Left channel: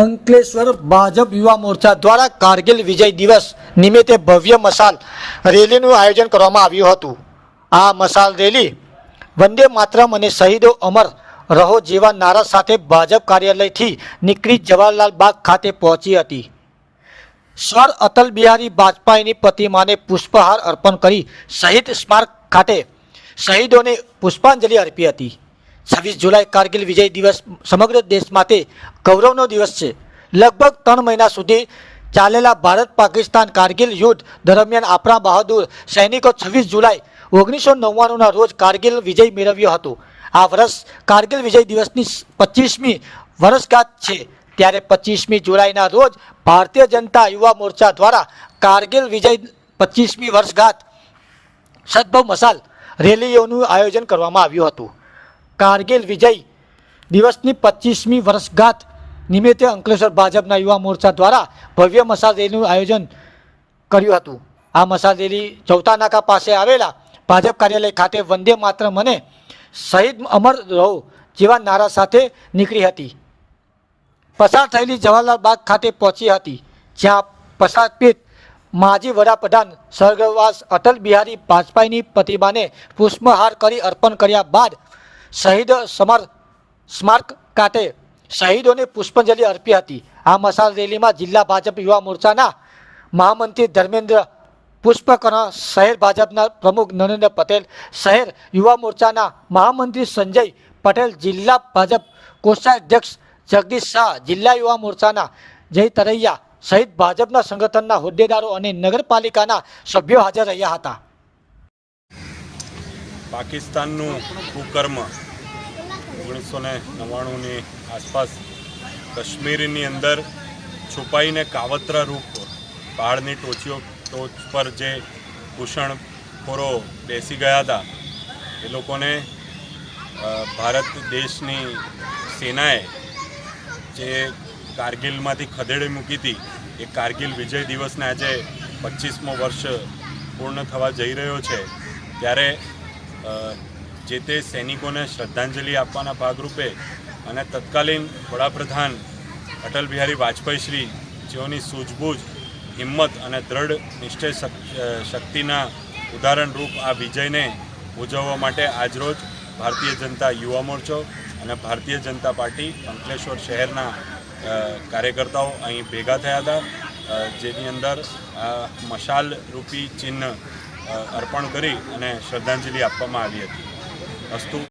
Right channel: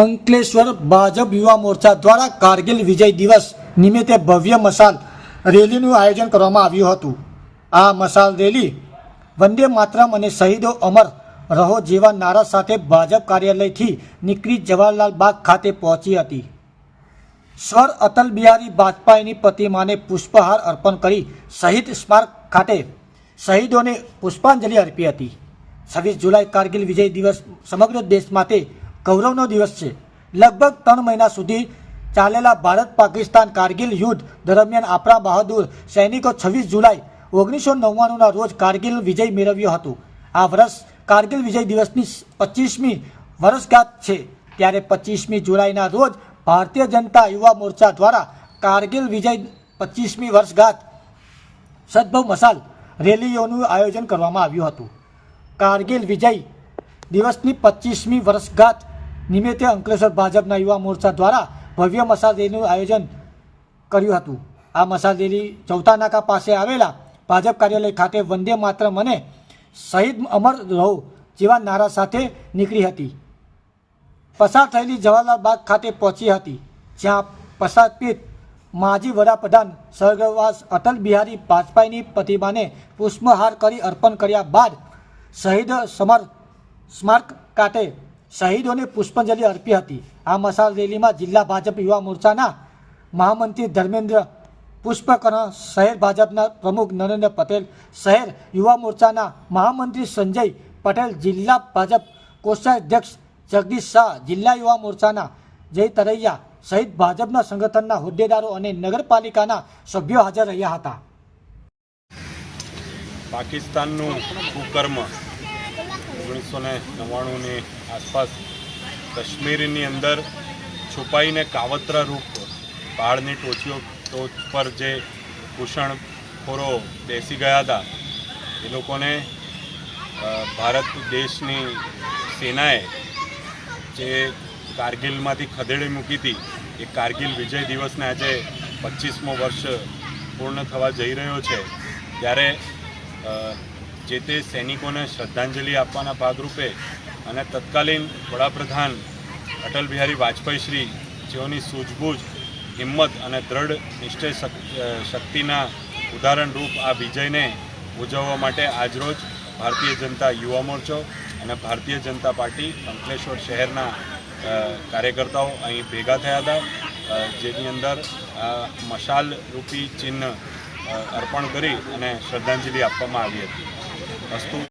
અંકલેશ્વર ભાજપ યુવા મોરચા દ્વારા કારગિલ વિજય દિવસ નિમિત્તે ભવ્ય મશાલ રેલીનું આયોજન કરવામાં આવ્યું હતું. આ મશાલ રેલી વંદે માતરમ અને શહીદો અમર રહો જેવા નારા સાથે ભાજપ કાર્યાલયથી નીકળી જવાહરલાલ બાગ ખાતે પહોંચી હતી. સ્વર અટલ બિહારી વાજપેયીની પ્રતિમાને પુષ્પહાર અર્પણ કરી શહીદ સ્મારક ખાતે શહીદોને પુષ્પાંજલિ અર્પી હતી. છવ્વીસ જુલાઈ કારગિલ વિજય દિવસ સમગ્ર દેશ માટે ગૌરવનો દિવસ છે. લગભગ ત્રણ મહિના સુધી ચાલેલા ભારત પાકિસ્તાન કારગિલ યુદ્ધ દરમિયાન આપણા બહાદુર સૈનિકો છવ્વીસ જુલાઈ ઓગણીસો નવ્વાણુંના રોજ કારગિલ વિજય મેળવ્યો હતો. આ વર્ષ કારગિલ વિજય દિવસની પચીસમી વર્ષગાંઠ છે. ત્યારે પચીસમી જુલાઈના રોજ ભારતીય જનતા યુવા મોરચા દ્વારા કારગિલ વિજય પચીસમી વર્ષગાંઠ સદભવ મસાલ રેલીઓનું આયોજન કરવામાં આવ્યું હતું. કારગિલ વિજય દિવસની પચીસમી વર્ષગાંઠ નિમિત્તે અંકલેશ્વર ભાજપના યુવા મોરચા દ્વારા ભવ્ય મસાલ રેલીનું આયોજન કર્યું હતું. આ મસાલ રેલી ચૌથા નાકા પાસે આવેલા ભાજપ કાર્યાલય ખાતે વંદે માત્ર મને શહીદ અમર રહો જેવા નારા સાથે નીકળી હતી. પસાર થયેલી જવાહરલાલ બાગ ખાતે પહોંચી હતી, જ્યાં પસારપીઠ માજી વડાપ્રધાન સ્વર્ગવાસ અટલ બિહારી વાજપેયીની પ્રતિમાને પુષ્પહાર કરી અર્પણ કર્યા બાદ શહીદ સમર સ્મારક ખાતે શહીદોને પુષ્પાંજલિ અર્પી હતી. આ મસાલ રેલીમાં જિલ્લા ભાજપ યુવા મોરચાના મહામંત્રી ધર્મેન્દ્ર પુષ્પકર્ણ, શહેર ભાજપના પ્રમુખ નરેન્દ્ર પટેલ, શહેર યુવા મોરચાના મહામંત્રી સંજય પટેલ, જિલ્લા ભાજપ કોષાધ્યક્ષ જગદીશ શાહ, જિલ્લા યુવા મોરચાના જય તરૈયા સહિત ભાજપના સંગઠનના હોદ્દેદારો અને નગરપાલિકાના સભ્યો હાજર રહ્યા હતા. પાકિસ્તાનનું કુકર્મ ઓગણીસો ને નવ્વાણુંની આસપાસ કાશ્મીરની અંદર છુપાઈને કાવતરા રૂપ પહાડની ટોચીઓ ટોચ પર જે ઘૂસણખોરો બેસી ગયા હતા, એ લોકોને ભારત દેશની સેનાએ જે કારગિલમાંથી ખદેડી મૂકી હતી, એ કારગિલ વિજય દિવસને આજે પચીસમો વર્ષ પૂર્ણ થવા જઈ રહ્યો છે. ત્યારે જે તે સૈનિકોને શ્રદ્ધાંજલિ આપવાના ભાગરૂપે અને તત્કાલીન વડાપ્રધાન અટલ બિહારી વાજપેયી શ્રી જેઓની સૂઝબૂઝ, હિંમત અને દ્રઢ નિશ્ચય શક- શક્તિના ઉદાહરણરૂપ આ વિજયને ઉજવવા માટે આજરોજ ભારતીય જનતા યુવા મોરચો અને ભારતીય જનતા પાર્ટી અંકલેશ્વર શહેરના કાર્યકર્તાઓ અહીં ભેગા થયા હતા. જેની અંદર મશાલ રૂપી ચિહ્ન અર્પણ કરી અને શ્રદ્ધાંજલિ આપવામાં આવી હતી. અસ્તુ